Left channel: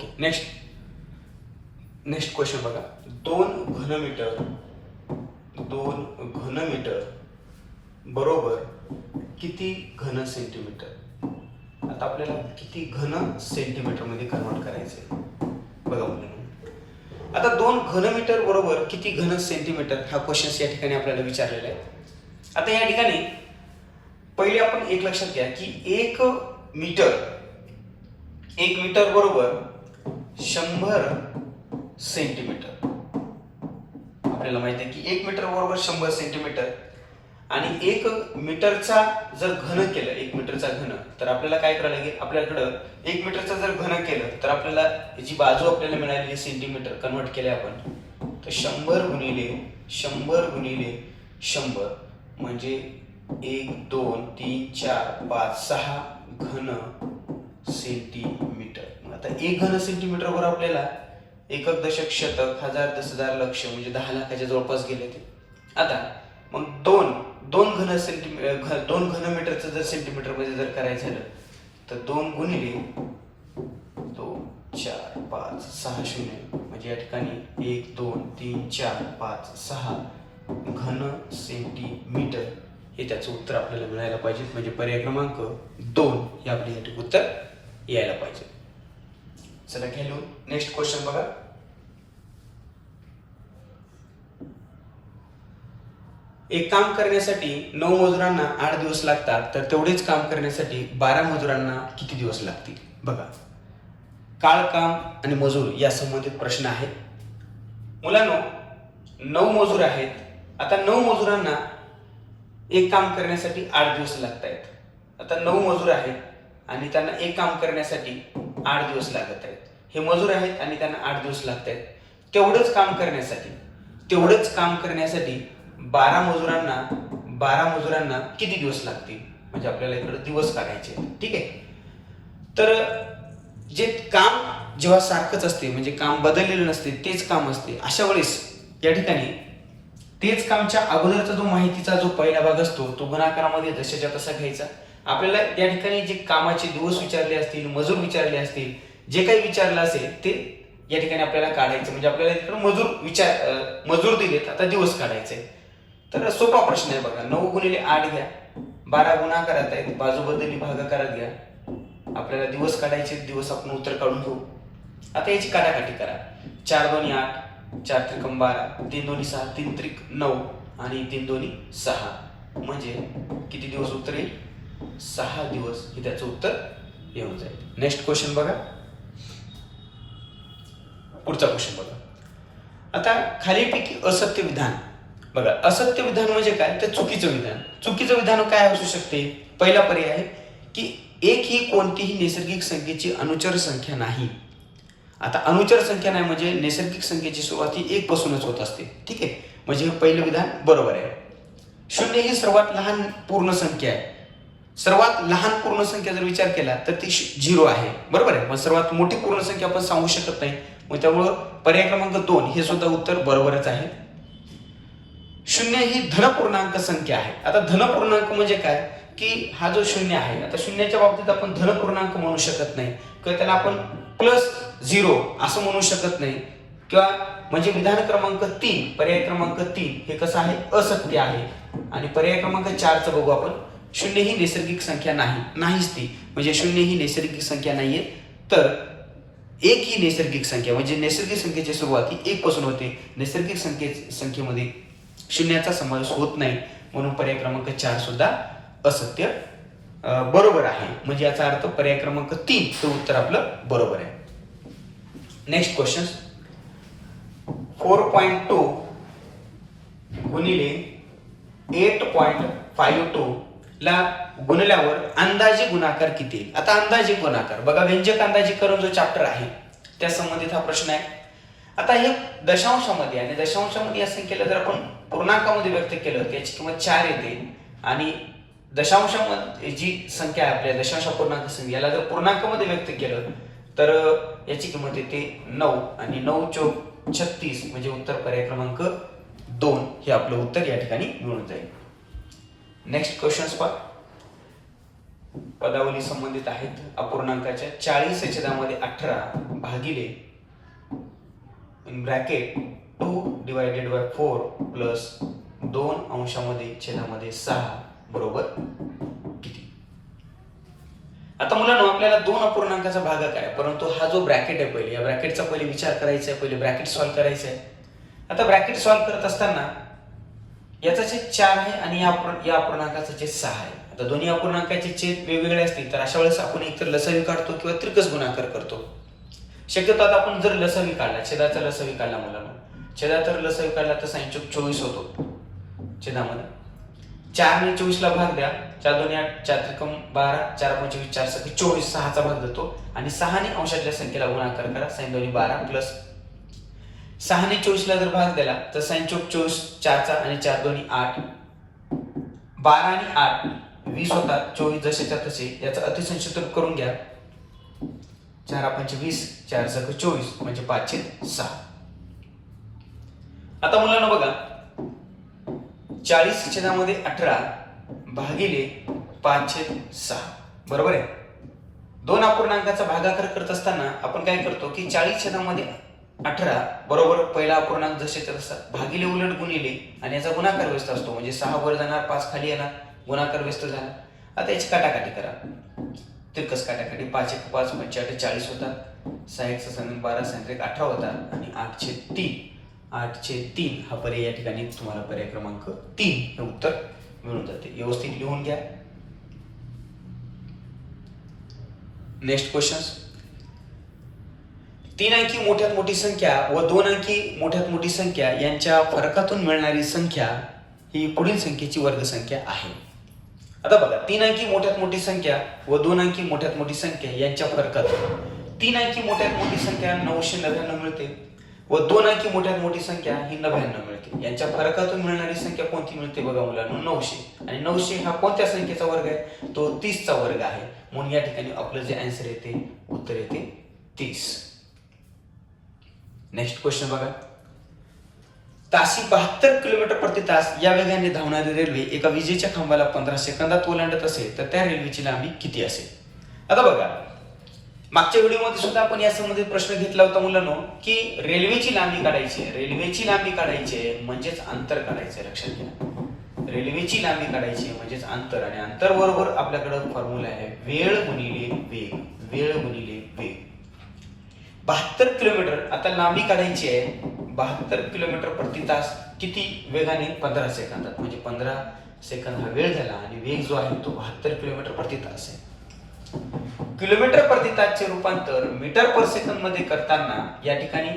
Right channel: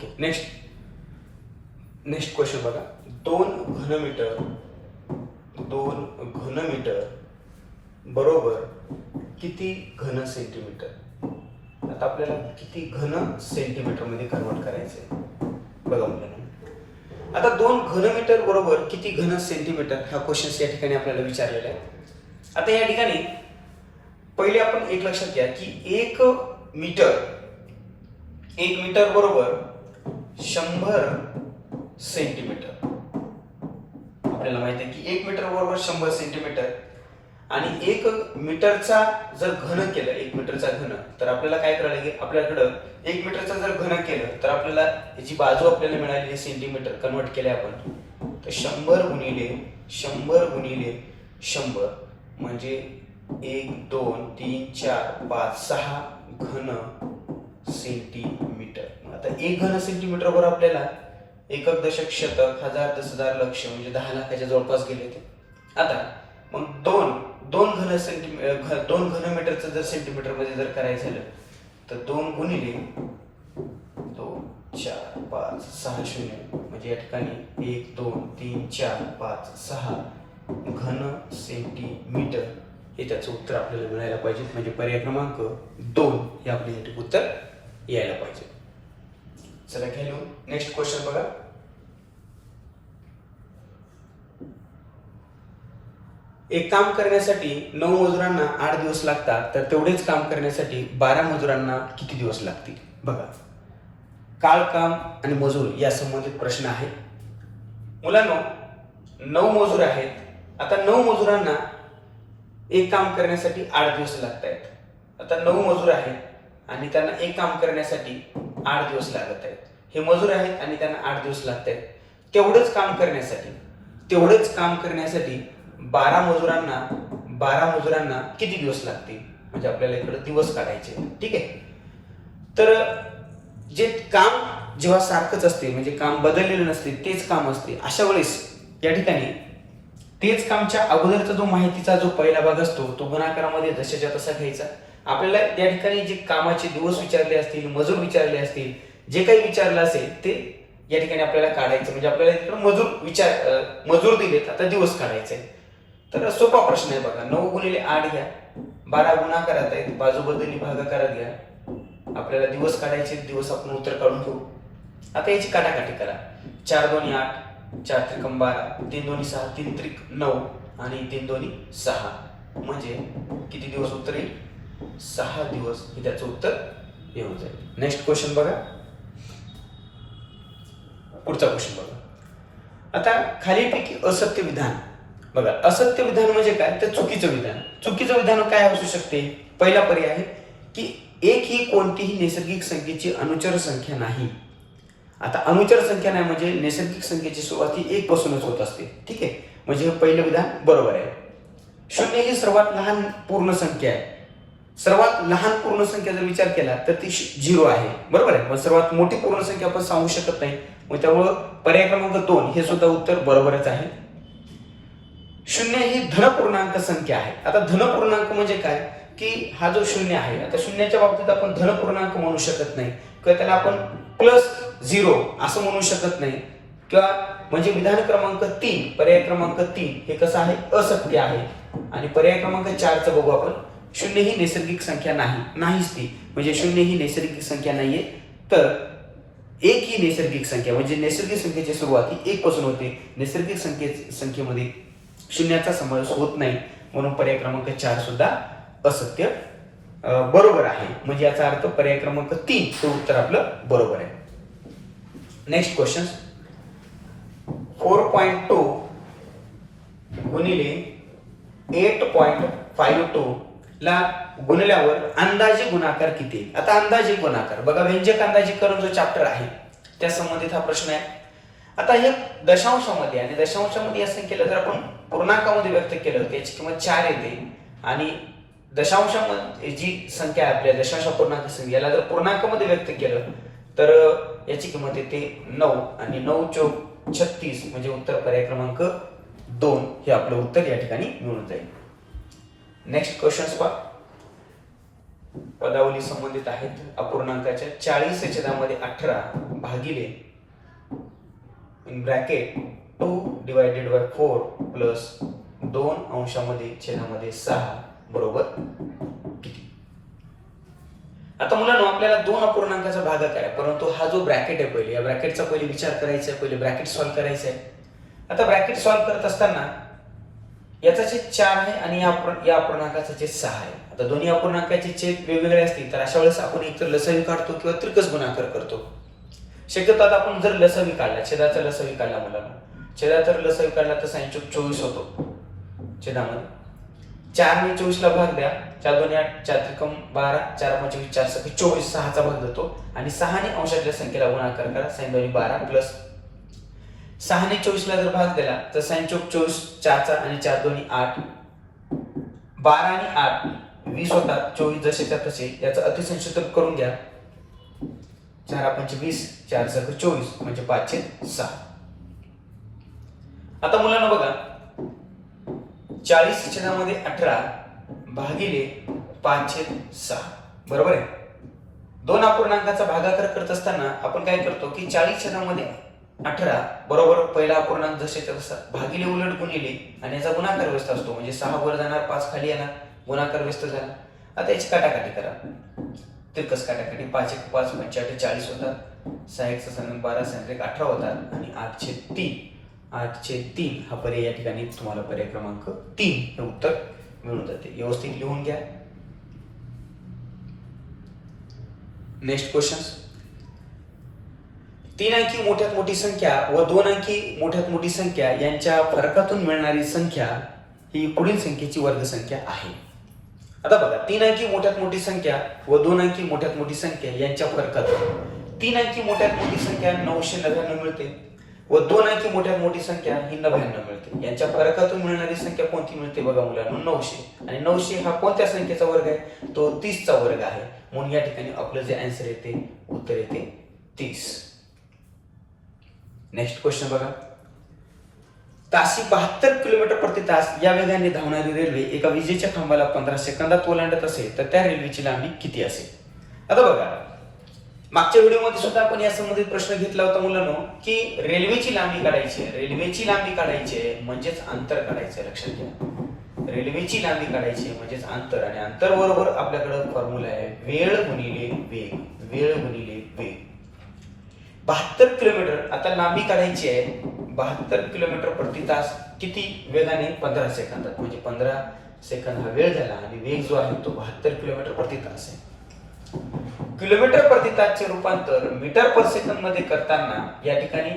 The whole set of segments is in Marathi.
ओके, नेक्स्ट क्वेश्चन बघा. 2 घनमीटर बरोबर किती घन सेंटीमीटर. आता आपल्याला किती घन सेंटीमीटर मध्ये कन्वर्ट करायचंय बघा मुलांनो. आता 2 घनमीटर बरोबर किती घन सेंटीमीटर हा क्वेश्चन या ठिकाणी आपल्याला विचारलेला आहे. आता या ठिकाणी पहिले आपण एक लक्षात घ्या की 1 मीटर बरोबर 100 सेंटीमीटर. आपल्याला माहिती आहे की 1 मीटर बरोबर 100 सेंटीमीटर आणि 1 मीटरचा जर घन केलं, 1 मीटरचा घन, तर आपल्याला काय करायला लागेल, आपल्याकडं 1 मीटरचा जर घन केलं तर आपल्याला याची बाजू आपल्याला मिळाली सेंटीमीटर कन्वर्ट केले आपण, तर 100 गुणिले 100 म्हणजे 1 2 3 4 5 6 घन सेंटीमीटर. आता 1 घन सेंटीमीटर बरोबर आपल्याला एकक, दशक, शतक, हजार, 10,000, लक्ष म्हणजे 10 लाखाच्या जवळपास गेले ते. आता मग 2 घनमीटरचं जर सेंटीमीटर मध्ये जर करायचं झालं तर 2 गुणिले 2 4 5 6 0 म्हणजे या ठिकाणी 1 2 3 4 5 6 घन सेंटीमीटर हे त्याचं उत्तर आपल्याला मिळायला पाहिजे. म्हणजे पर्याय क्रमांक 2 हे आपल्यासाठी उत्तर यायला पाहिजे. चला घेऊ नेक्स्ट क्वेश्चन बघा. एक काम करण्यासाठी 9 मजुरांना 8 दिवस लागतात, तर तेवढेच काम करण्यासाठी 12 मजुरांना किती दिवस लागतील बघा. काळ, काम आणि मजूर या संबंधित प्रश्न आहे मुलांनो. 9 मजूर आहेत. आता 9 मजुरांना एक काम करण्यासाठी 8 दिवस लागत आहेत. आता 9 मजूर आहेत आणि त्यांना एक काम करण्यासाठी 8 दिवस लागत आहेत. हे मजूर आहेत आणि त्यांना 8 दिवस लागत आहेत. तेवढंच काम करण्यासाठी 12 मजुरांना किती दिवस लागतील, म्हणजे आपल्याला इकडे दिवस काढायचे. ठीक आहे. तर जे काम जेव्हा सारखंच असते, म्हणजे काम बदललेलं नसते, तेच काम असते, अशा वेळेस या ठिकाणी तेच कामच्या अगोदरचा जो माहितीचा जो पहिला भाग असतो तो गुणाकारामध्ये जशाच्या तसा घ्यायचा. आपल्याला या ठिकाणी जे कामाचे दिवस विचारले असतील, मजूर विचारले असतील, जे काही विचारलं असेल ते या ठिकाणी आपल्याला काढायचं. म्हणजे आपल्याला इकडे मजूर दिलेत, आता दिवस काढायचे. तर सोपा प्रश्न आहे बघा. 9 गुणिले 8 घ्या, 12 गुणाकारात आहेत, बाजू बदलली भागाकारात घ्या. आपल्याला दिवस काढायचे, दिवस आपण उत्तर काढून घेऊ. आता याची काटाकाटी करा. 4 2 8, 4 त्रिकम 12, 3 2 6, 3 त्रिक 9 आणि 3 2 6 म्हणजे किती दिवस उत्तर येईल, 6 दिवस हे त्याचं उत्तर येऊन जाईल. नेक्स्ट क्वेश्चन बघा. पुढचा क्वेश्चन बघा. आता खालीलपैकी असत्य विधान बघा. असत्य विधान म्हणजे काय, तर चुकीचं विधान काय असू शकते. पहिला पर्याय आहे की 1 ही कोणतीही नैसर्गिक संख्येची अनुचर संख्या नाही. आता अनुचर संख्या नाही म्हणजे नैसर्गिक संख्येची सुरुवात ही 1 पासूनच होत असते. ठीक आहे, म्हणजे हे पहिलं विधान बरोबर आहे. 0 ही सर्वात लहान पूर्ण संख्या आहे. सर्वात लहान पूर्ण संख्या जर विचार केला तर ती 0 आहे. बरोबर आहे. मग सर्वात मोठी पूर्ण संख्या आपण सांगू शकत नाही, मग त्यामुळं पर्याय क्रमांक 2 हे सुद्धा उत्तर बरोबरच आहे. 0 ही धनपूर्णांक संख्या आहे. आता धनपूर्णांक म्हणजे काय की हा जो 0 आहे, आता शून्याच्या बाबतीत आपण धनपूर्णांक म्हणू शकत नाही किंवा त्याला आपण +0 असं म्हणू शकत नाही, किंवा म्हणजे विधान क्रमांक 3 पर्याय क्रमांक 3 हे कसं आहे, असत्य आहे. आणि पर्याय क्रमांक 4चं बघू आपण. 0 ही नैसर्गिक संख्या नाहीच ती, म्हणजे 0 ही नैसर्गिक संख्या नाहीये. तर 1 ही नैसर्गिक संख्या, म्हणजे नैसर्गिक संख्येची सुरुवात ही 1 पासून होते. नैसर्गिक संख्येमध्ये शून्याचा समावेश होत नाही, म्हणून पर्याय क्रमांक 4 सुद्धा असत्य बरोबर आहे. म्हणजे याचा अर्थ पर्याय क्रमांक 3 हे उत्तर आपलं बरोबर आहे. Next question. 4.2 गुणिले 8.52 ला गुणल्यावर अंदाजे गुणाकार किती येईल. आता अंदाजे गुणाकार बघा, व्यंजक अंदाजीकरण जो चॅप्टर आहे त्या संबंधित हा प्रश्न आहे. आता हे दशांशामध्ये, आणि दशांशामध्ये या संख्येला जर आपण पूर्णांकामध्ये व्यक्त केलं त्याची किंमत 4 येते. आणि दशांशामध्ये जी संख्या आहे आपल्या दशांश पूर्णांक संख्या, याला जर पूर्णांकामध्ये व्यक्त केलं तर याची किंमत येते 9 आणि 9 चौक 36 म्हणजे उत्तर पर्याय क्रमांक 2 हे आपलं उत्तर या ठिकाणी मिळून जाईल. नेक्स्ट क्वेश्चन पहा. पदावली संबंधित आहेत अपूर्णांकाच्या 40/18 भागिले ब्रॅकेट 2/4 प्लस 2/6 बरोबर किती. आता मुलांनो आपल्याला 2 अपूर्णांकाचा भागाकार आहे, परंतु हा जो ब्रॅकेट आहे पहिले या ब्रॅकेटचा पहिले विचार करायचा आहे, पहिले ब्रॅकेट सॉल्व्ह करायचं आहे. आता ब्रॅकेट सॉल्व्ह करत असताना याचा छेद 4 आहे आणि या अपूर्णांकाचा छेद 6 आहे. आता दोन्ही अपूर्णांकाचे छेद वेगवेगळे असतील तर अशा वेळेस आपण एकतर लसावी काढतो किंवा त्रिकस गुणाकार करतो. शक्यतो आता आपण जर लसावी काढला, छेदाचा लसावी काढला मुलांना, छेदाचा लसावी काढला तर 24 होतो छेदामध्ये. 4 ने 24 ला भाग द्या, 4 2 8 4 त्रिकम 12 4 25 4 सके 24 6 चा भाग देतो आणि 6 ने अंशाच्या संख्येला गुणाकार करा, sin 2 12 प्लस 6 ने 24 ला जर भाग दिला तर sin 24 4 चा आणि 4 2 8 12 आणि 8 20 होतात, 24 जसेच्या तसे. याचा अतिसंक्षिप्त करून घ्या, 4 5 20 4 सके 24 म्हणजे 5/6. आता मुलांना बघा 40/18 भागिले 5/6 बरोबर आहे. दोन अपूर्णांकाचा भागाकार करत असताना आपण काय करतो की 40/18 बरोबर पहिला अपूर्णांक जसेच्या तसा भागिले उलट गुणिले आणि याचा गुणाकार व्यस्त असतो, म्हणजे 6 वर जाणार 5 खाली येणार, गुणाकार व्यस्त झाला. आता याची काटाकाटी करा, तिरकस काटाकाटी. 5 1 5 5 40 होतात, 6 1 6 12 6 1 18 होतात आणि 8/3 हा पर्याय या ठिकाणी तुम्हाला पर्याय क्रमांक 3 हे उत्तर मिळून जाते. व्यवस्थित लिहून घ्या. Next question. 3 अंकी मोठ्यात मोठी संख्या व 2 अंकी मोठ्यात मोठी संख्या यांच्या फरकातून मिळणारी संख्या ही पुढील संख्येची वर्गसंख्या आहे. आता बघा 3 अंकी मोठ्यात मोठी संख्या व 2 अंकी मोठ्यात मोठी संख्या यांच्या फरकातून 3 अंकी मोठ्यात मोठी संख्या 999 मिळते व 2 अंकी मोठ्यात मोठी संख्या ही 99 मिळते. यांच्या फरकातून मिळणारी संख्या कोणती मिळते बघा मुलांनो, 900. आणि 900 हा कोणत्या संख्येचा वर्ग आहे, तो 30 चा वर्ग आहे. म्हणून या ठिकाणी आपलं जे आन्सर येते उत्तर येते 30. नेक्स्ट क्वेश्चन बघा. ताशी 72 किलोमीटर प्रति तास या वेगाने धावणारी रेल्वे एका विजेच्या खांबाला 15 सेकंदात ओलांडत असेल तर त्या रेल्वेची लांबी किती असेल. आता बघा मागच्या व्हिडिओमध्ये सुद्धा आपण या संबंधित प्रश्न घेतला होता मुलांनो की रेल्वेची लांबी काढायची आहे म्हणजेच अंतर काढायचं. लक्षात घ्या, रेल्वेची लांबी काढायची म्हणजेच अंतर, आणि अंतर बरोबर आपल्याकडे फॉर्म्युला आहे वेळ गुणिले वेग. 72 किलोमीटर आता लांबी काढायची आहे, 72 किलोमीटर प्रति तास किती वेगाने, 15 सेकंदात, म्हणजे 15 सेकंद हा वेळ झाला आणि वेग जो आहे तो 72 किलोमीटर प्रति तास आहे. किलोमीटर प्रति तासचे रूपांतर मीटर पर सेकंद मध्ये करताना या ठिकाणी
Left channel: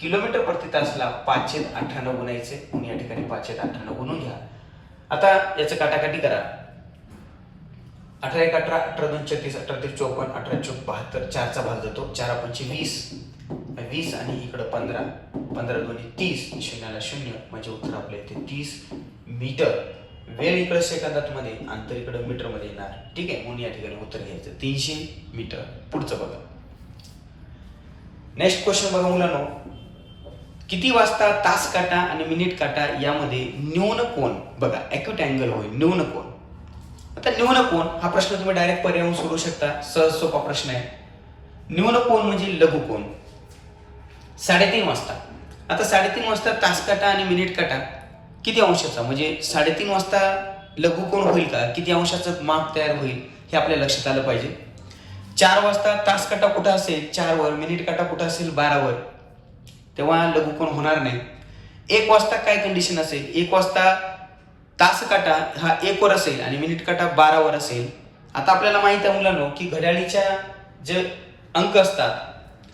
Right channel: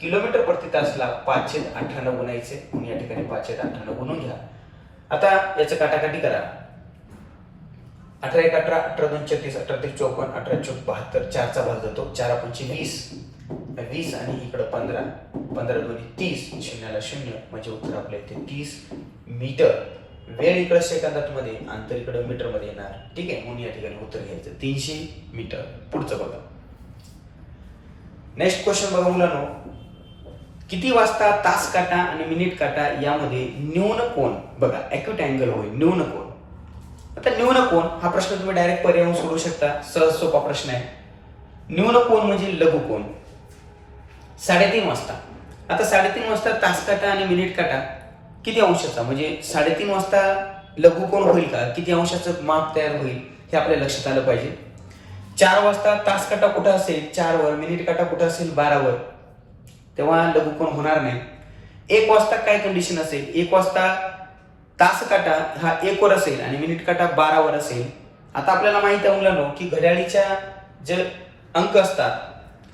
किलोमीटर प्रति तासला 5/18 गुणायचे, म्हणून या ठिकाणी 5/18 गुणून घ्या. आता याचं काटाकाटी करा. 18 1 18 18 2 36 18 3 54 18 4 72 4 चा भाग जातो, 4 5 20 आणि इकडे 15 15 2 30 शून्याला 0 म्हणजे उत्तर आपलं येते 30 मीटर. वेळ इकडे सेकंदात मध्ये, अंतर इकडे मीटर मध्ये येणार. ठीक आहे, म्हणून या ठिकाणी उत्तर घ्यायचं 300 मीटर. पुढचं बघा. नेक्स्ट क्वेश्चन बघा मुलांनो. किती वाजता तास काटा आणि मिनिट काटा यामध्ये न्यून कोन बघा ॲक्यूट अँगल होईल, न्यून कोन. आता न्यून कोन हा प्रश्न तुम्ही डायरेक्ट पर्यावरून सोडवू शकता, सहज सोपा प्रश्न आहे. न्यून कोन म्हणजे लघु कोन. 3:30 वाजता. आता 3:30 वाजता तास काटा आणि मिनिट काटा किती अंशाचा, म्हणजे 3:30 वाजता लघु कोन होईल का, किती अंशाचं माप तयार होईल हे आपल्या लक्षात आलं पाहिजे. 4 वाजता तास काटा कुठं असेल 4 वर, मिनिट काटा कुठं असेल 12 वर, तेव्हा लघु कोन होणार नाही. 1 वाजता काय कंडिशन असेल, 1 वाजता तास काटा हा 1 वर असेल आणि मिनिट काटा 12 वर असेल. आता आपल्याला माहिती आहे मुलांनो की घड्याळीच्या जे अंक असतात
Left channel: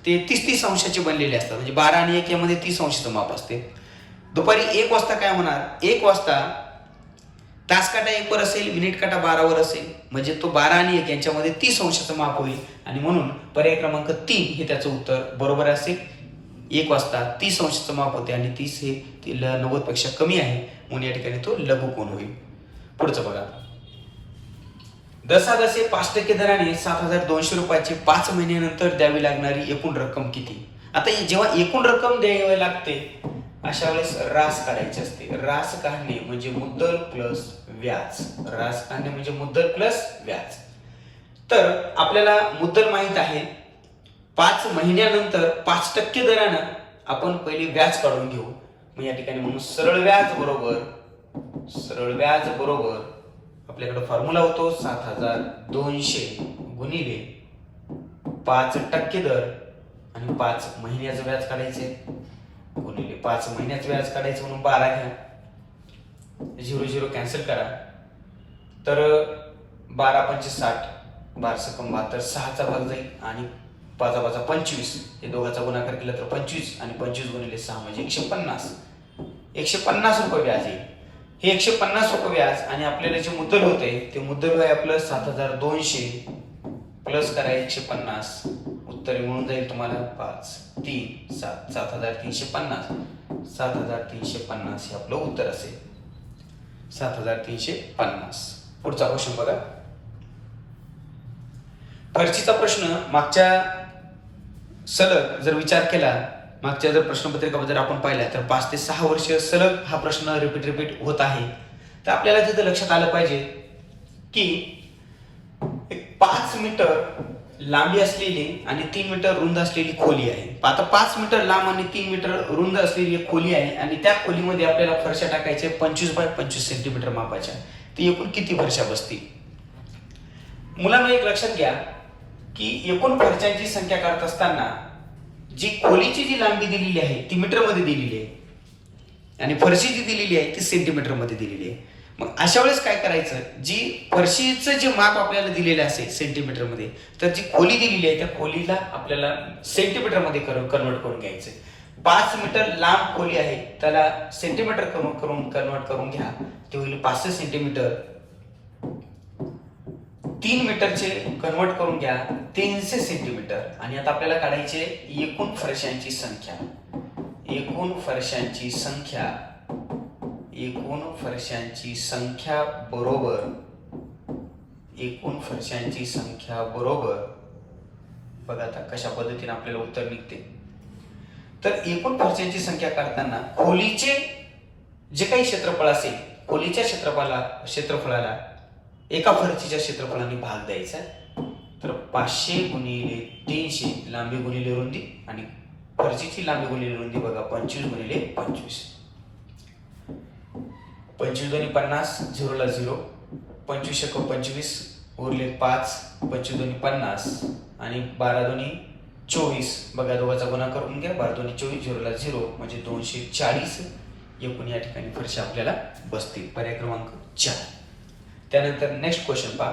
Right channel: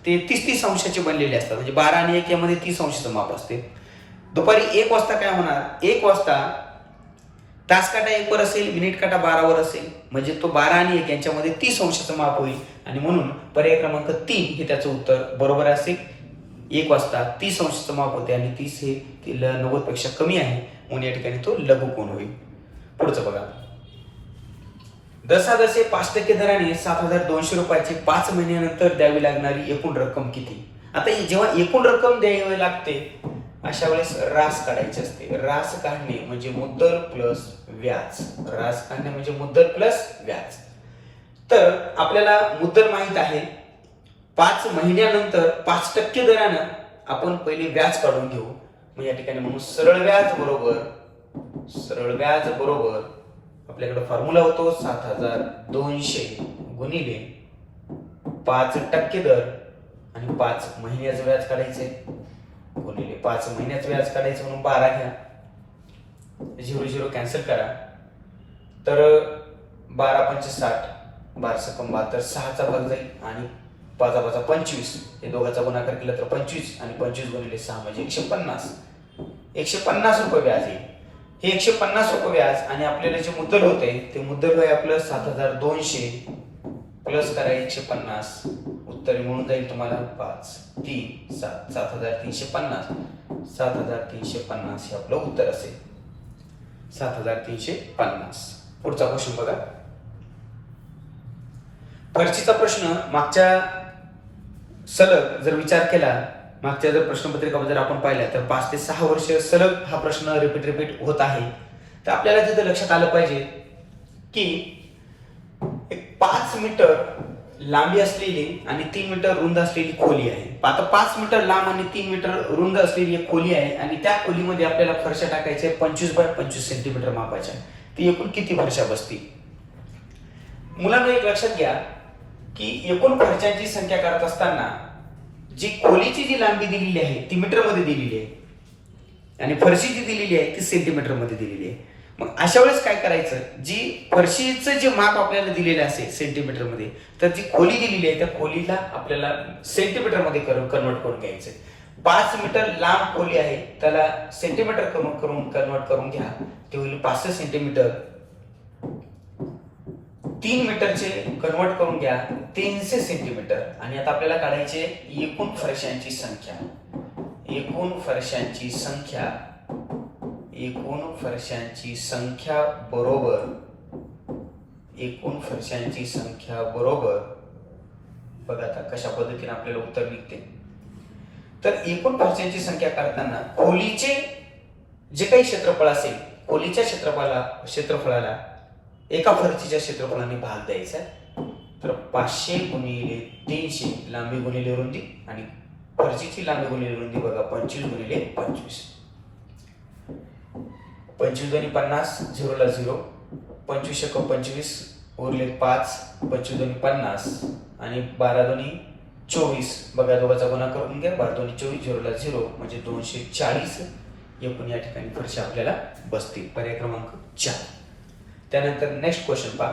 ते 30 अंशाचे बनलेले असतात, म्हणजे 12 आणि 1 यामध्ये 30 अंशाचं माप असते. दुपारी 1 वाजता काय होणार, 1 वाजता तास काटा 1 वर असेल, मिनिट काटा 12 वर असेल, म्हणजे तो 12 आणि 1 यांच्यामध्ये 30 अंशाचं माप होईल आणि म्हणून पर्याय क्रमांक 3 हे त्याचं उत्तर बरोबर असेल. 1 वाजता 30 अंशाचं माप होते आणि 30 हे 90 पेक्षा कमी आहे, म्हणून या ठिकाणी तो लघु कोन होईल. पुढचं बघा. दसादसे 5% दराने 7,200 रुपयाची 5 महिन्यानंतर द्यावी लागणारी एकूण रक्कम किती. आता जेव्हा एकूण रक्कम द्यावी लागते अशा वेळेस रास काढायची असते. रास काढणे म्हणजे मुद्दल प्लस व्याज. तर आपल्याला मुद्दल माहित आहे, 5 महिन्यानंतर 5% दरानं आपण पहिले व्याज काढून घेऊ. मग या ठिकाणी म्हणून सरळ व्याज बरोबर आपल्याकडे फॉर्म्युला होतो 7,200 गुणिले 5% दर आणि 5 महिन्याचं व्याज काढायचे गुणिले 5 महिन्याचं व्याज काढायचं म्हणून 12 घ्या. 0 कॅन्सल करा. तर 12 पंचे 60, 12 72, 6चा भाग जाईल आणि 5 5 25, हे दोघांचा गुणाकार केला तर 25 आणि 25 गुणिले 6 म्हणजे 150. 150 रुपये व्याज येईल. हे 150 रुपये व्याज आणि आपल्याला जे मुद्दल होते ते मुद्दल आहे आपलं 7,200 प्लस करा 150. उत्तर म्हणून जाईल तुम्हाला 5 3 7 7,350. 7,350 हे आपलं उत्तर असेल. 7,350. पुढचा क्वेश्चन बघा. फरशीचा प्रश्न मागच्या सलग जर विचार केला, मागच्या जर प्रश्नपत्रिका जर आपण पाहिल्या तर 5 ते 6 वर्ष सलग हा प्रश्न रिपीट होत आहे. तर आपल्याला तिथे लक्षात आलं पाहिजे की एक 5 मीटर लांबी असलेली आणि 3 मीटर रुंद असलेली खोली आहे. आता 5 मीटर लांब आणि 3 मीटर रुंद असलेली एक खोली आहे आणि त्या खोलीमध्ये आपल्याला फरशा टाकायच्या 25 बाय 25 सेंटीमीटर मापाच्या. ती एकूण किती फरशा बसतील? मुलांना एक लक्षात घ्या की एकूण फरशांची संख्या काढत असताना जी खोलीची जी लांबी दिलेली आहे ती मीटर मध्ये दिलेली आहे आणि फरशी जी दिलेली आहे ती सेंटीमीटर मध्ये दिलेली आहे. मग अशा वेळेस काय करायचं, जी फरशीचं जे माप आपल्याला दिलेलं असेल सेंटीमीटर मध्ये, तर जी खोली दिलेली आहे त्या खोलीला आपल्याला सेंटीमीटर मध्ये कन्वर्ट करून घ्यायचं. 5 मीटर लांब खोली आहे त्याला सेंटीमीटर कन्वर्ट करून घ्या, ते होईल 500 सेंटीमीटर. 3 मीटरचे कन्वर्ट करून घ्या 300 सेंटीमीटर. आणि आता आपल्याला काढायचे एकूण फरशांची संख्या. एकूण फरशांची संख्या बरोबर बघा आता कशा पद्धतीने आपल्याला उत्तर निघते. तर एकूण फरशांची संख्या काढताना खोलीचे जे काही क्षेत्रफळ असेल, खोलीच्या क्षेत्रफळाला एका फरशीच्या क्षेत्रफळाने भाग द्यायचा. तर 500 गुणिले 300 लांबी गुणिले रुंदी आणि फरशीची लांबी गुणिले रुंदी बघा 25 गुणिले 25. 25 दोन्ही 50, 0 ला 0, 25 एक 25 उरले 5, 25 दोन्ही 50 आणि 12 दोन्ही 24 बघा दोघांचा गुणा करून घ्या. 12 दोन्ही 24, 0 ला 0 म्हणजे 240 एकूण या ठिकाणी फरशा आपल्याला बसतील. पर्याय क्रमांक 4. त्यानंतर नेक्स्ट क्वेश्चन पहा.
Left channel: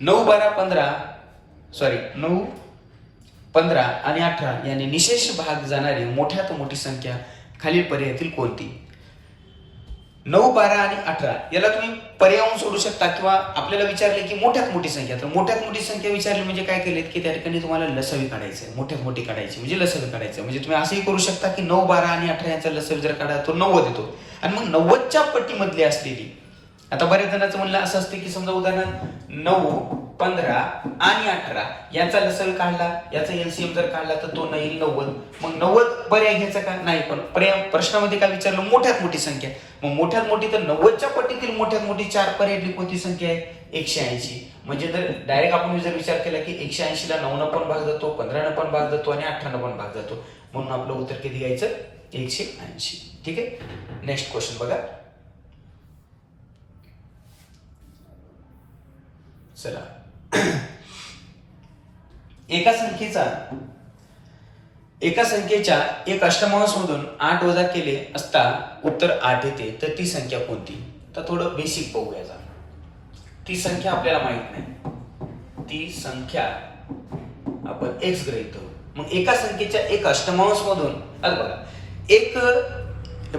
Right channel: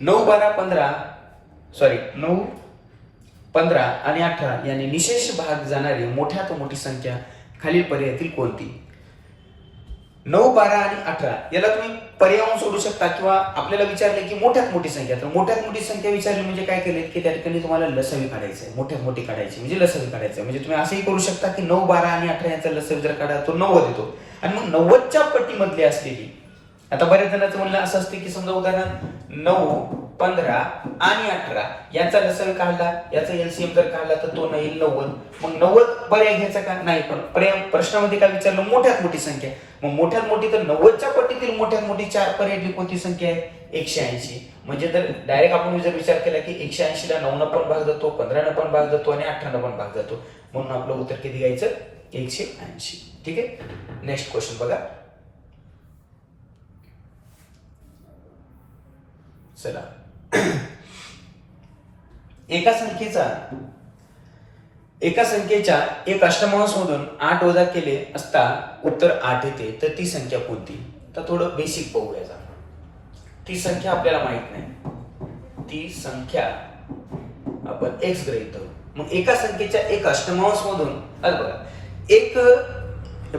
9 15 आणि 18 यांनी निशेष भाग जाणारी मोठ्यात मोठी संख्या खालील पर्यायातील कोणती? 9 12 आणि 18 याला तुम्ही पर्यावून सोडू शकता किंवा आपल्याला विचारले की मोठ्यात मोठी संख्या. तर मोठ्यात मोठी संख्या विचारली म्हणजे काय केलेत की त्या ठिकाणी तुम्हाला लसावी काढायचं आहे. मोठ्यात मोठी काढायची म्हणजे लसावी काढायचं. म्हणजे तुम्ही असंही करू शकता की 9 12 आणि 18 यांचा लसावी जर काढा तो 90 येतो आणि मग 90च्या पट्टीमधली असलेली, आता बऱ्याच जणांचं म्हणणं असं असते की समजा उदाहरण 9 15 आणि 18 यांचा लसावी काढला, याचा एलसीएम जर काढला तर तो येईल 90. मग 90 पर्याय घ्यायचा का नाही, पण पर्याय प्रश्नामध्ये काय विचारलं मोठ्यात मोठी संख्या. मग मोठ्यात मोठी तर 90च्या पट्टीतील मोठ्यात मोठी 4 पर्यायातली कोणती संख्या आहे? 180. म्हणजे जर डायरेक्ट आपण जर विचार केला की 180 ला 9 न पण भाग जातो, 15 न पण भाग जातो आणि 18 न पण भाग जातो, म्हणून आपलं उत्तर किती घ्यायचं? 180. ठीक आहे. नेक्स्ट क्वेश्चन बघा. चला. एका संख्येच्या एक अष्टमांश मधून 8 वजा केले असता उत्तर 8 येते, तर ती संख्या कोणती? तर थोडं बेसिक बघूया. ती संख्या आपल्याला माहित नाही, ती संख्या आपण x गृहीत धरू. मग एका संख्येच्या एक अष्टमांश मधून बघा, एक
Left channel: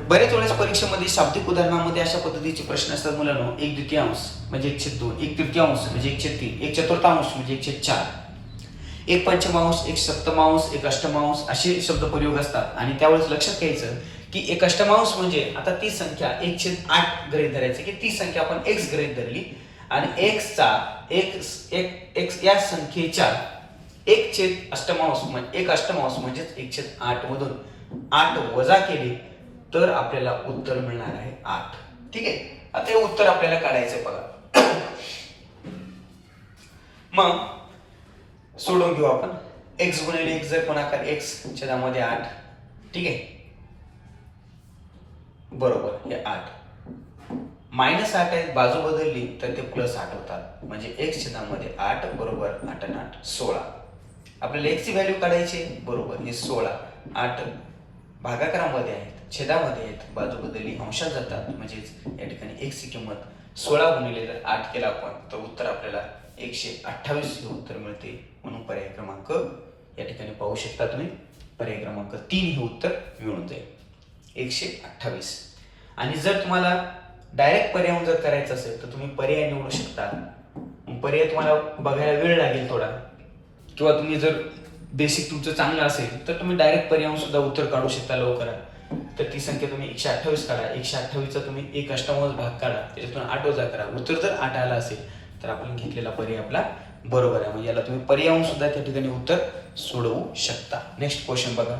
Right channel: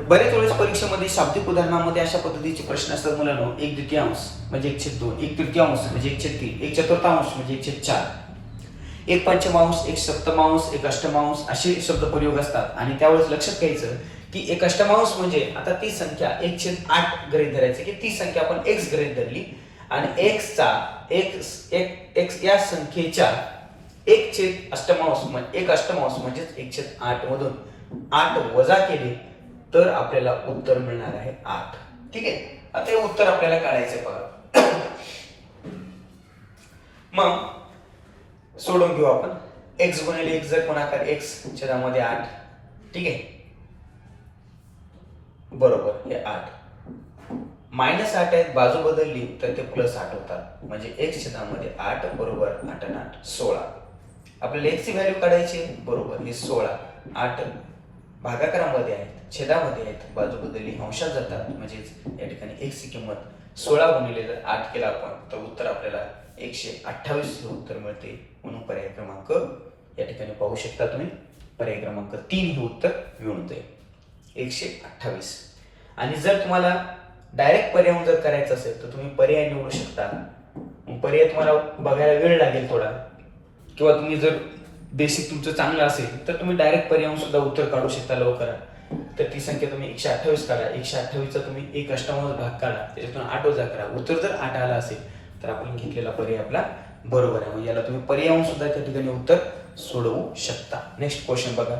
बरेच वेळेस परीक्षेमध्ये शाब्दिक उदाहरणामध्ये अशा पद्धतीचे प्रश्न असतात मुलांनो. 1/2 म्हणजे 1/2, 1/3 म्हणजे 1/3, 1/4 म्हणजे 1/4, 1/5, 1/7, 1/8 असे शब्द प्रयोग असतात. आणि त्यावेळेस लक्षात घ्यायचं की 1/8 म्हणजे आता ती संख्या 1/8 गृहीत धरायचं की ती संख्या आपण x गृहीत धरली आणि x या संख्येच्या 1/8 म्हणजे 1/8 मधून 8 वजा केले तर आपल्याला उत्तर मिळणार आहे 8. ठीक आहे. आता हे उत्तर आपल्याला काढायचंय बघा. मग सोडून घेऊ आपण. x गुणिले x जर गुणाकार x छेदामध्ये 8, ठीक आहे, बरोबर हे 8. -8 आहेत, बाजू बदलली तर ते +8 होतात, म्हणजे x छेदामध्ये 8 बरोबर 8 आणि 8 16. आपल्याला x ची व्हॅल्यू काढायची, बरोबर हे 16. 8 भागाकारामध्ये आहेत, छेदामध्ये आहेत, बाजू बदलली अंशात जातात, म्हणजेच या ठिकाणी x ची किंमत 16 गुणिले जर 8 केला आपण तर उत्तर आपल्याला 128 हे उत्तर मिळते. म्हणून पर्याय क्रमांक या ठिकाणी पाहू शकता तुम्ही, पर्याय क्रमांक 3 हे उत्तर मिळून जाईल, 128. आणि जर तुम्हाला डायरेक्ट पर्याय जर करायचं असेल तर तुम्ही पर्याय निवडू शकता. पर्याय तुम्हाला बघायला वेळ लागेल थोडा, किंवा तुम्ही जर बेसिक तुमचं चांगलं असेल तर तुम्ही डायरेक्ट पर्याय सुद्धा उत्तर काढू शकता लवकरात. तर ती संख्या तुम्ही 128 काढा, 128चा तुम्ही 1 अष्टमांश भाग काढा, त्याच्यातून 8 वजा करा, उत्तर जर 8 आला असेल तर आपण घेतलेला पर्याय आपला बरोबर आहे. म्हणजे याला तुम्ही पर्याय सुद्धा त्या ठिकाणी उत्तर सोडवू शकता. नेक्स्ट क्वेश्चन बघा.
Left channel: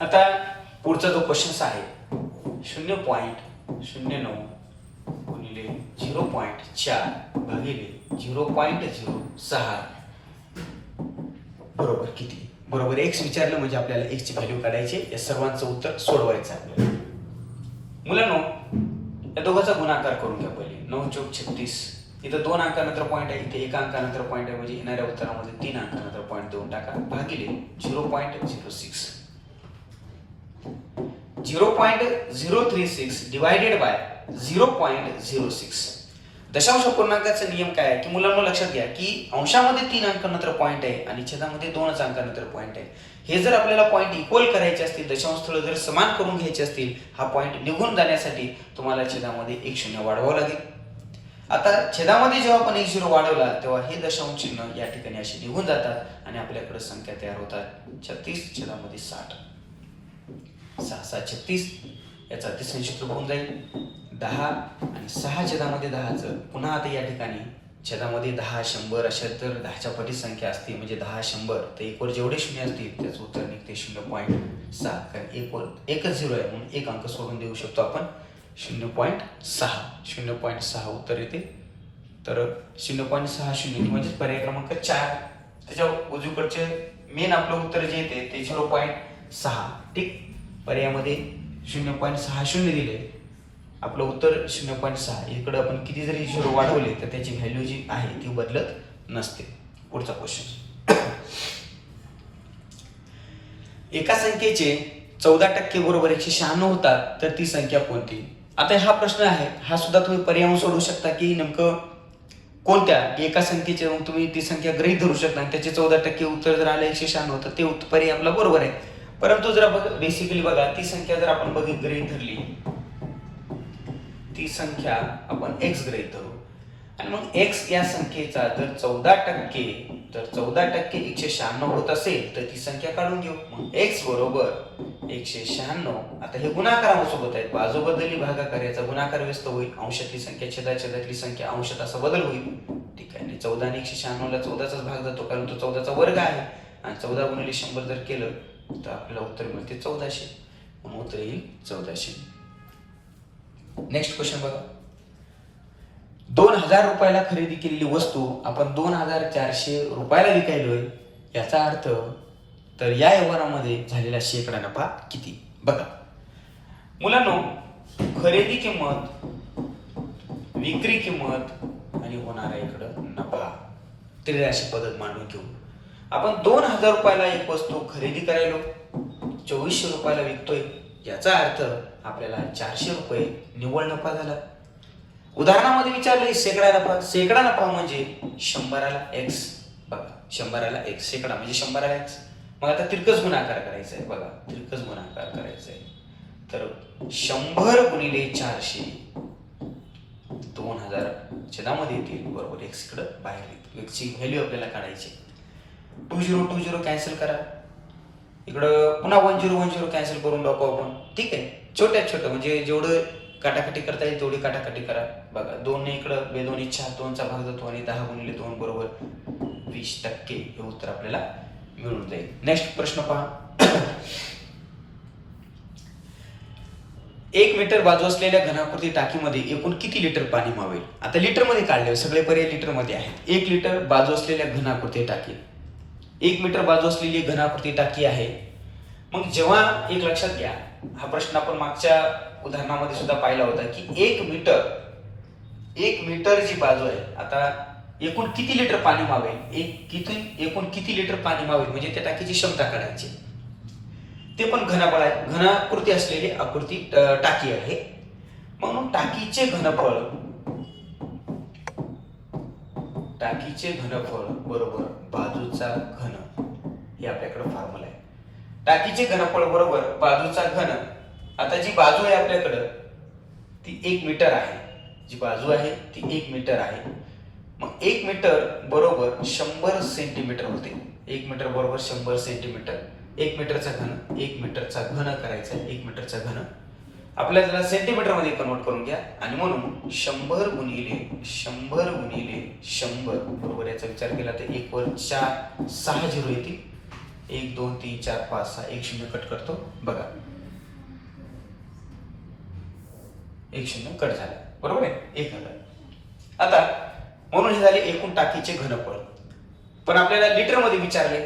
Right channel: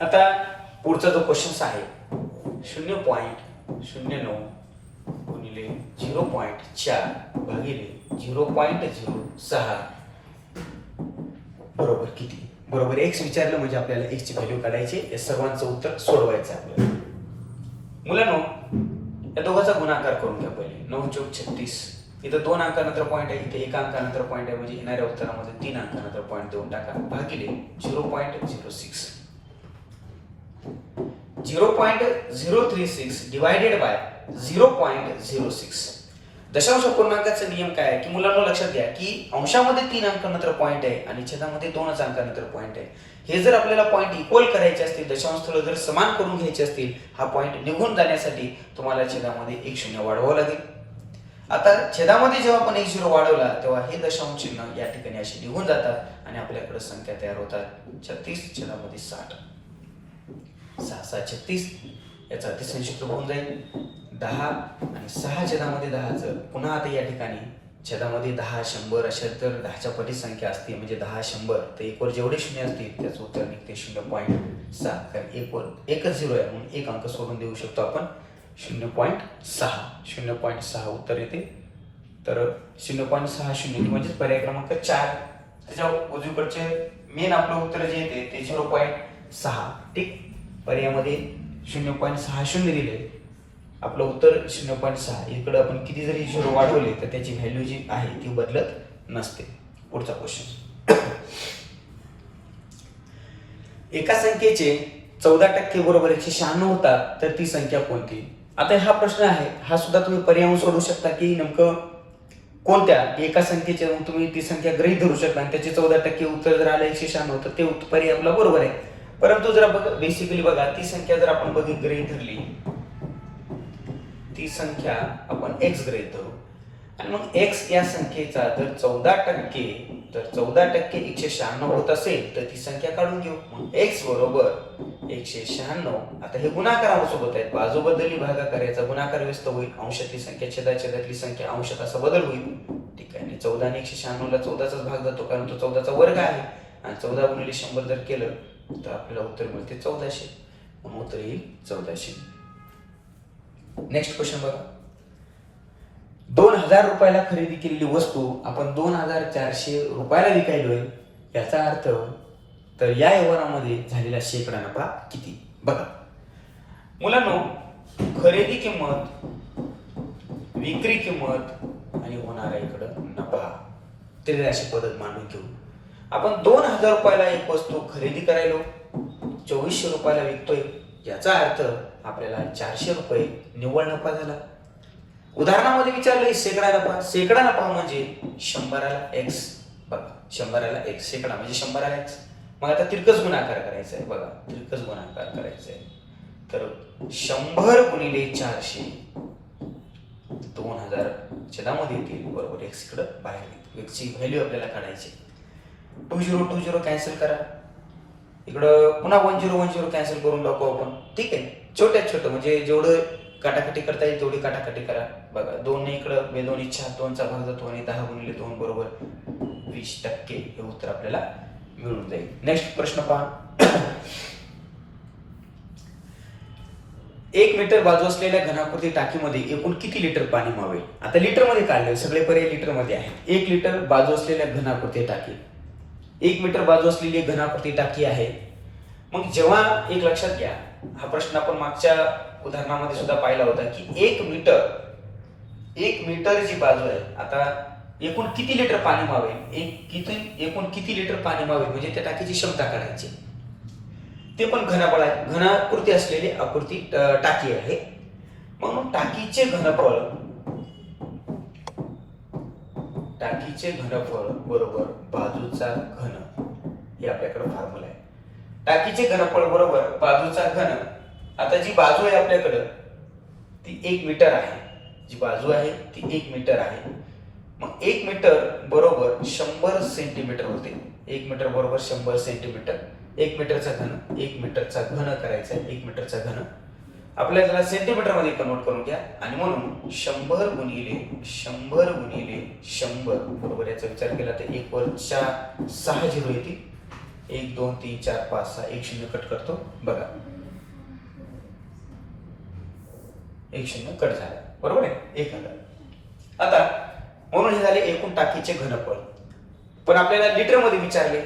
आता पुढचा जो क्वेश्चन आहे 0.09 गुणिले 0.4 भागिले 0.06 बरोबर किती? बरोबर x विचारलं म्हणजे आपल्याला x ची व्हॅल्यू काढायची, या सर्वांचं उत्तर सोडवायचं आपल्याला. मुलांनो, या दोघांचा गुणाकार करून घ्या पहिले. 9 × 36, इथं 2 अंकानंतर पॉईंट आहे, इथे 1 अंकानंतर पॉईंट आहे, म्हणजे येणाऱ्या उत्तरामध्ये 3 अंकानंतर पॉईंट देऊन टाका, भागिले 0.06. 0.036 डिवायडेड बाय 0.06. दशांश पूर्णांकाचा नियम काय आहे की मुलांना लक्षात घ्या की अंशामध्ये 3 अंकानंतर पॉईंट आहे आणि छेदामध्ये 2 अंकानंतर पॉईंट आहे. हे जर आपल्याला पॉईंट इक्वल करायचे असतील, दशांश स्थळ जर समान करून घ्यायचे असतील, हा पॉईंट निघून जाण्यासाठी तुम्हाला छेदामध्ये 1 0 वाढवावं लागेल. आता छेदामध्ये जेव्हा आपण 1 0 वाढवला तेव्हा हे दशांश चिन्ह या ठिकाणी असे निघून जातात आणि आपल्याकडे संख्या तयार होतात 36 छेदामध्ये 60. 6 6 36, याचा अतिसंक्षिप्त होऊन जाईल 10 आणि 6 छेदामध्ये 10चं पुन्हा आता या ठिकाणी छेदामध्ये 10 100 अशा तर 10च्या पटी संख्या असते, म्हणजे 10 100 तर 1 वर जेवढे शून्य असतील त्याचं उत्तर निघते 0.6. कारण 1 वर एकच 0 आहे म्हणून एक अंक सोडून देऊ शकतो आपण. 0.6 उत्तर येते. तर 0.60 म्हणजे पर्याय क्रमांक 4. त्याच्या उजवीकडचे मेन आपलं उत्तर जे येते ते 0.6. ठीक, पर्यायामध्ये 0.60 दिले, आपलं उत्तर 0.6. इकडे आपण किती जरी 0 वाढवले तर त्याची व्हॅल्यू जी आहे ती बदलत नसते. पुढचा क्वेश्चन. एका संख्येचे 14% बरोबर 196 होतात तर ती संख्या कोणती? आता हा प्रश्न आहे, हा सुद्धा तुम्ही पर्याय सोडू शकता की नेमकं कोणत्या एका संख्येचे तुम्ही ती संख्या गृहीत धरू शकता आणि त्याचे 14% उत्तर जर आलं 196 तर ते पर्याय आपला बरोबर आहे. परंतु जर बेसिकली बघा, ती संख्या जर आपण गृहीत धरली, ती संख्या आपण x गृहीत धरू आणि मग x या संख्येचा जर 14% तर 14% 196 होत असेल तर ती संख्या काढून घेऊ. मग x बरोबर 196. आता हे गुणाकारासोबत आहेत, बाजू बदलली भागाकाराचा गुणाकार व्यस्त होईल, अंशातली संख्या छेदातली संख्या अंशात असा बदल होईल. ठीक आहे, आणि 14 आणि 196 ला 14चाच भाग जातो कारण तो 14चा वर्ग आहे आणि 14 गुणिले 100 जर केलं तर आपल्याला उत्तर मिळते 1400. म्हणून उत्तर येईल 1400. नेक्स्ट क्वेश्चन बघा. 2000 रुपयाला खरेदी केलेली वस्तू आपण 2400 रुपयाला विकायलोय, याचा अर्थ तर या व्यवहारामध्ये झालेला शेकडा नफा किती? बघा मुलांनो, खरेदी किंमत, विक्री किंमत आणि होणारा इकडं नफा, तरी अशी पद्धत मांडून घेऊ. आपण 2000 रुपयाला एक वस्तू खरेदी करायलो, 2400 रुपयाला विकतोय, याचा अर्थ आपल्याला 400 रुपये निव्वळ नफा झाला. उदाहरणामध्ये विचारलंय शेकडा नफा. शेकडा नफा म्हणजे 100ला x. बघा 100ला x, शेकडा म्हणजे 100ला x. मग आता तिरकस गुणाकार करायचा आहे. बघा तिरकस गुणाकार करायचा आहे तर 100 गुणिले 400 2000 छेदामध्ये येतील, बरोबर x कडे बाहेर येईल. x ची व्हॅल्यू आपल्याला काढायची. 20 कॅन्सल करा, इकडं पुन्हा 10 कॅन्सल करून टाकू आपण. ठीक आहे, छोटं म्हणजे जेवढं काटाकाटी करता येईल तेवढी काटाकाटी करा. बघा 2 ने इकडं 2 4 2चा भाग जातो आणि 10 गुणिले 2 बरोबर 20%. हे उत्तर आपल्याला मिळून जाईल. नेक्स्ट प्रश्न पहा. 1 मीटर बाजू असलेल्या घनाकृती टाकीमध्ये एकूण किती लिटर पाणी मावेल? आता लिटरमध्ये काढले, सगळे पर्याय लिटरमध्ये आहेत. 1 लिटर बाजू असलेल्या घनाकृती टाकी, 1 मीटर बाजू असलेली घनाकृती टाकी आहे. मग जेव्हा एक लक्षात घ्या, हा प्रश्न आपण मागच्या उदाहरणामध्ये सुद्धा पाहिला होता की 1 मीटर जी बाजू आहे, आता एकूण किती लिटर पाणी मावेल, एकूण किती लिटर पाणी मावेल म्हणजे त्या टाकीची क्षमता काढायची. ते पण घनाकृती असलेली आकृती टाकी आहे. म्हणून टाकीचे घनफळ बरोबर बाजूचा घन, हे आपल्याकडे फॉर्म्युला आहे. टाकीचे घनफळ बरोबर बाजूचा घन. आता जी बाजू आहे आपल्याकडे ती 1 मीटर आहे, जी बाजू आहे ती 1 मीटर आहे. मग 1 मीटर बरोबर 100 सेंटीमीटर होते. 1 मीटर बरोबर 100 सेंटीमीटर. 1 मीटरचा घन करायचा आहे. 1 मीटरचा घन आपल्याला त्याला सेंटीमीटर मध्ये कन्वर्ट करून घ्या आणि म्हणून 100 गुणिले 100 बरोबर, याचा विचार केला तर 1 वर 4 6 झिरो येतील. 1 2 3 4 5 6 1 0 कट करतो बघा, 1 0 कट झाला, बरोबर आहे, 1000. आता म्हणून हे झाले एकूण टाकीचे घनफळ. पण आपल्याला लिटर मध्ये विचारले,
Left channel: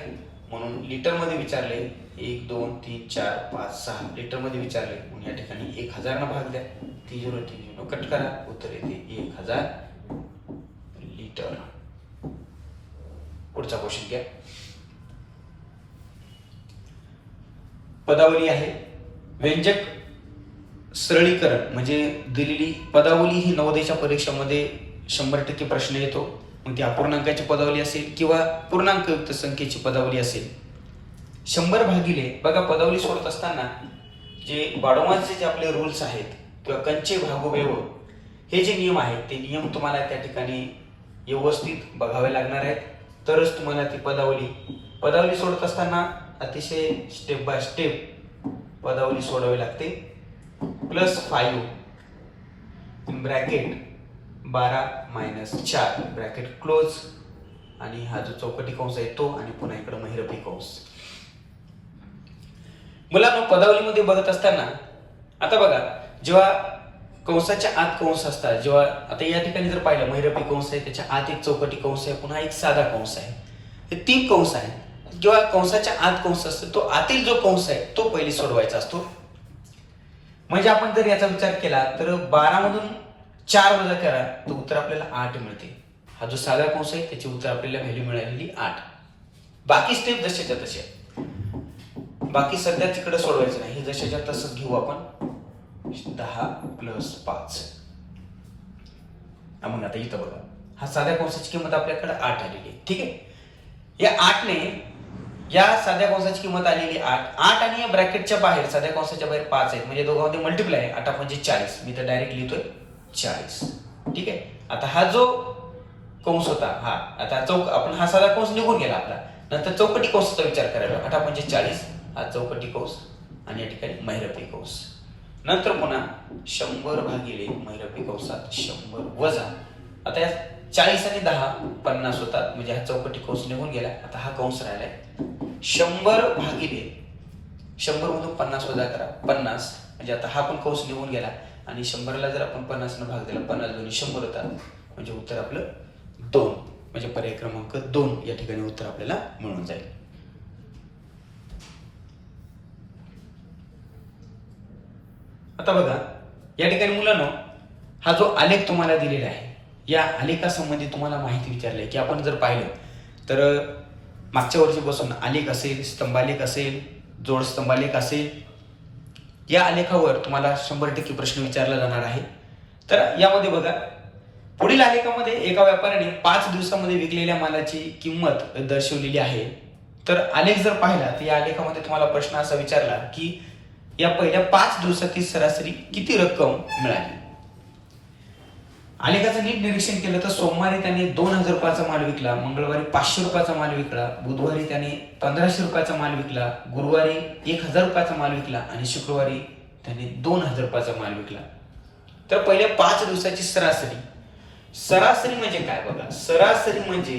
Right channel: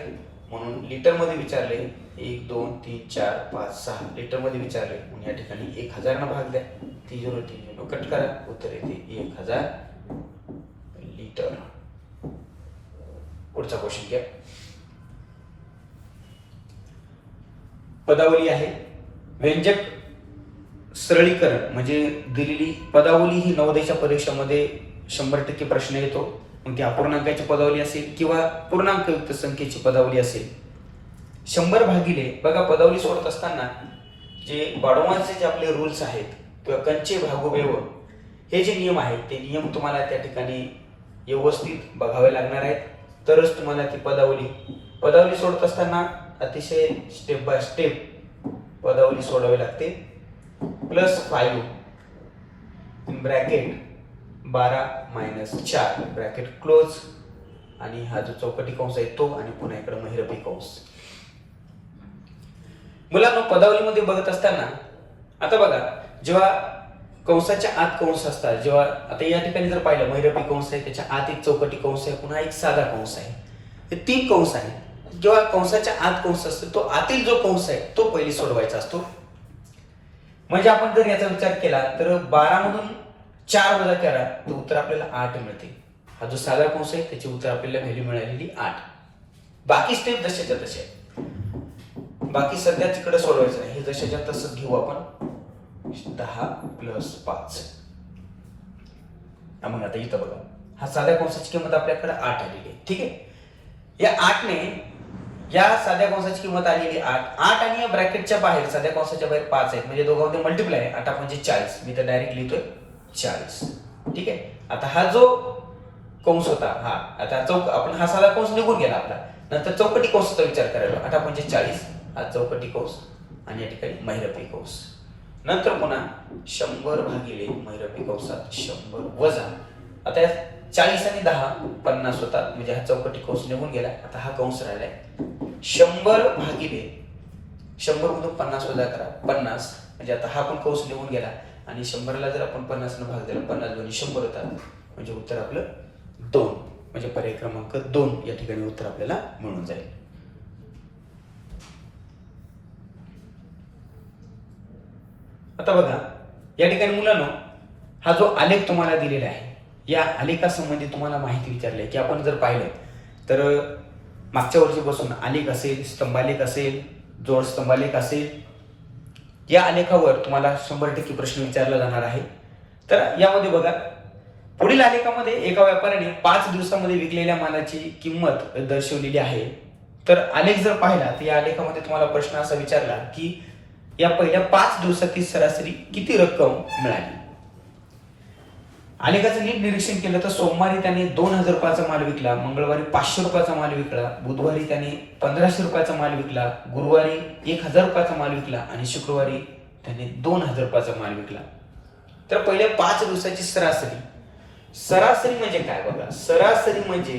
म्हणून लिटर मध्ये विचारले 1 2 3 4 5 6 लिटर मध्ये विचारले, म्हणून या ठिकाणी 1000 न भाग द्या. 30 कट करा, उत्तर येते 1000 लिटर. पुढचा क्वेश्चन घ्या. पदावली आहे. व्यंजक सरळीकरण म्हणजे दिलेली पदावली ही नवोदयच्या परीक्षेमध्ये 100% प्रश्न येतो. मग ती अपूर्णांकाची पदावली असेल किंवा पूर्णांकयुक्त संख्येची पदावली असेल. 100 भागिले, बघा पदावली सोडत असताना जे बाडोमांचे जे आपले रूल्स आहेत किंवा कंचे भागोवेव हे जे नियम आहेत ते नियम तुम्हाला त्या ठिकाणी व्यवस्थित बघावे लागणार आहेत, तरच तुम्हाला ती पदावली सोडत असताना अतिशय स्टेप बाय स्टेप पदावली सोडावी लागते. +5 ब्रॅकेट 12 - 4 ब्रॅकेट क्लोज, आणि हा जो चौकटी कंस आहे तो, आणि पुन्हा इकडे महिरपी कंस. मुलांनो पदावलीमध्ये बघत असताना आता बघा, जेव्हा कंसाच्या आत कंस असतात, जेव्हा आता या ठिकाणी जर पाहिलं महिरपी कंस आहे, त्याच्या आत एक चौकटी कंस आहे, पुन्हा एक साधा कंस आहे, हे 3 कंस आहे. जेव्हा कंसाच्या आत कंस असतो तो आतील जो कंस आहे तो पहिली सोडवायचा असतो. म्हणजे आपण जर याचा विचार केला तर 12 मधून 4 वजा करा तर उत्तर आपल्याला 8 मिळते. हा जो साधा कंस आहे त्याची उत्तर आपल्याला व्हॅल्यू मिळालेली 8. बाकी स्टेप जशाच्या तसे, बाकी सध्या तिकडे सोडवायचं नाही, हे जशाच्या तसंच घेऊ आपण. 10 + 5. मग आता इथं बघा, हा साध्या कंसाची किंमत आपल्याकडे 8 आलेली आहे. ठीक आहे, या 8ने या साध्या कंसाची किंमत आलेली 8 आणि या ब्रॅकेटच्या बाहेर साध्या कंसाच्या बाहेर 5 आहेत, म्हणजे दोघांमध्ये मल्टिप्लाय आहे. 8 म्हणजे 40, मी तर डायरेक्ट लिहितोय 40. ठीक आहे, आता हा जो कंस होता, हा आता आपण हा साधा कंस निघून गेला आपला, नंतर चौकटी कंसाचा विचार करायला. 8 म्हणजे 40, हा चौकटी कंस आणि या ठिकाणी महिरपी कंस. नंतर पुन्हा 100 भागिले महिरपी कंसात 100 वजा, आता या 40 आणि 10 50 होतात, म्हणजे हा चौकटी कंस निघून गेला. आता हा कंस राहिलाय 100 भागिले 100 मधून 50 वजा करा 50, म्हणजे आता हा पण कंस निघून गेला. आणि 100ला जर आपण 50 न भाग दिला, 50 दोन्ही 100 होतात, म्हणजे उत्तर आपलं 2, म्हणजे पर्याय क्रमांक 2 या ठिकाणी उत्तर आपल्याला मिळून जाईल. आता बघा या ठिकाणी मुलांनो, हा जो आलेख तुम्हाला दिलेला आहे, या आलेखासंबंधी तुम्हाला माहिती विचारली आहे की आपण जर पाहिलं तर मागच्या वर्षीपासून आलेख असेल, स्तंभालेख असेल, जोड स्तंभालेख असेल, या आलेखावर तुम्हाला 100% प्रश्न विचारला जाणार आहे. तर यामध्ये बघा, पुढील आलेखामध्ये एका व्यापाऱ्याने 5 दिवसामध्ये विकलेल्या मालाची किंमत दर्शवलेली आहे. तर आलेख जर पाहिला तर या आलेखामध्ये तुम्हाला प्रश्न असा विचारला की या पहिल्या 5 दिवसातील सरासरी किती रक्कम मिळाली. आलेखाचं नीट निरीक्षण केलं तर सोमवारी त्याने 2000 रुपयाचा माल विकला, मंगळवारी 500 रुपयाचा माल विकला, बुधवारी त्याने 1500 रुपयाचा माल विकला, गुरुवारी 1000 रुपयाचा माल विकला आणि शुक्रवारी त्याने 2000 रुपयाचा माल विकला. तर पहिल्या 5 दिवसाची सरासरी म्हणजे काय बघा, सरासरी म्हणजे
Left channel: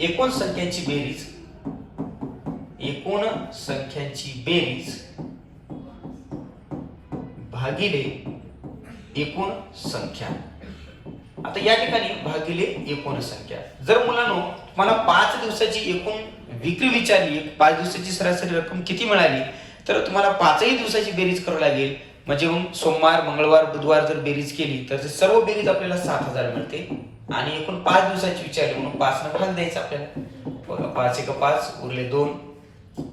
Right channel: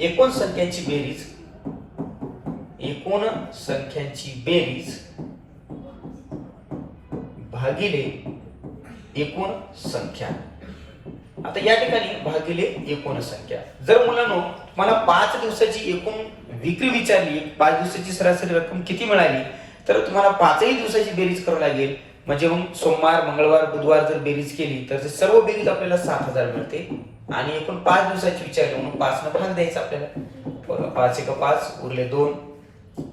एकूण संख्यांची बेरीज भागिले एकूण संख्या. आता या ठिकाणी भागिले एकूण संख्या. जर मुलांनो तुम्हाला 5 दिवसाची एकूण विक्री विचारली, 5 दिवसाची सरासरी रक्कम किती मिळाली, तर तुम्हाला 5ही दिवसाची बेरीज करावी लागेल. म्हणजे मग सोमवार, मंगळवार, बुधवार जर बेरीज केली तर सर्व बेरीज आपल्याला 7,000 मिळते. आणि एकूण 5 दिवसाची विचारली म्हणून 5 ने भाग द्यायचा आपल्याला. 5 एक 5 उरले 2,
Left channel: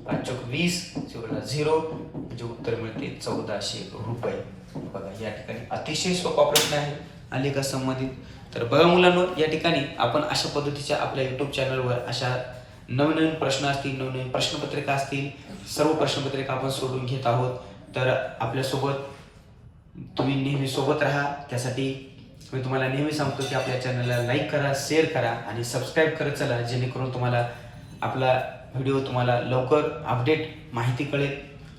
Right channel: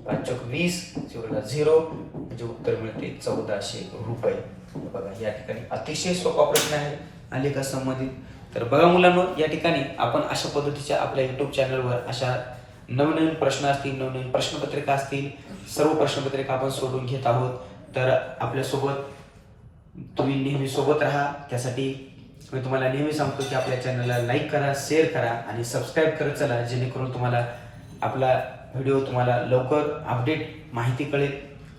5 चौक 20, उरला 0, म्हणजे उत्तर मिळते 1400 रुपये. बघा या ठिकाणी अतिशय सोपा प्रश्न आहे आलेखा संबंधित. तर बघा मुलांनो, या ठिकाणी आपण अशा पद्धतीच्या आपल्या युट्यूब चॅनलवर अशा नवनवीन प्रश्न असतील, नवनवीन प्रश्नपत्रिका असतील, सर्व प्रश्नपत्रिका आपण सोडून घेत आहोत. तर आपल्यासोबत तुम्ही नेहमी सोबत राहा. त्यासाठी मी तुम्हाला नेहमी सांगतो की आपल्या चॅनलला लाईक करा, शेअर करा आणि सबस्क्राईब करत चला, जेणेकरून तुम्हाला आपला व्हिडिओ तुम्हाला लवकर अपडेट माहिती कळेल.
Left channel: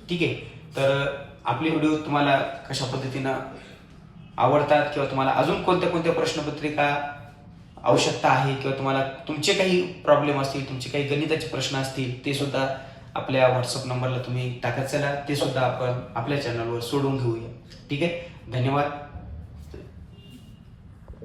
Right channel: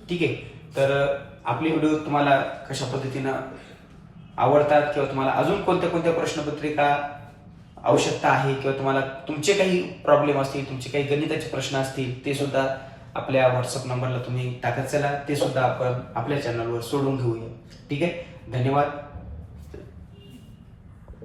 ठीक आहे. तर आपली व्हिडिओ तुम्हाला कशा पद्धतीनं आवडतात किंवा तुम्हाला अजून कोणत्या कोणत्या प्रश्नपत्रिका आवश्यकता आहे किंवा तुम्हाला तुमचे काही प्रॉब्लेम असतील, तुमचे काही गणिताचे प्रश्न असतील, ते सुद्धा आपल्या व्हॉट्सअप नंबरला तुम्ही टाकत चला. ते सुद्धा आपण आपल्या चॅनलवर सोडून घेऊया. ठीक आहे. धन्यवाद.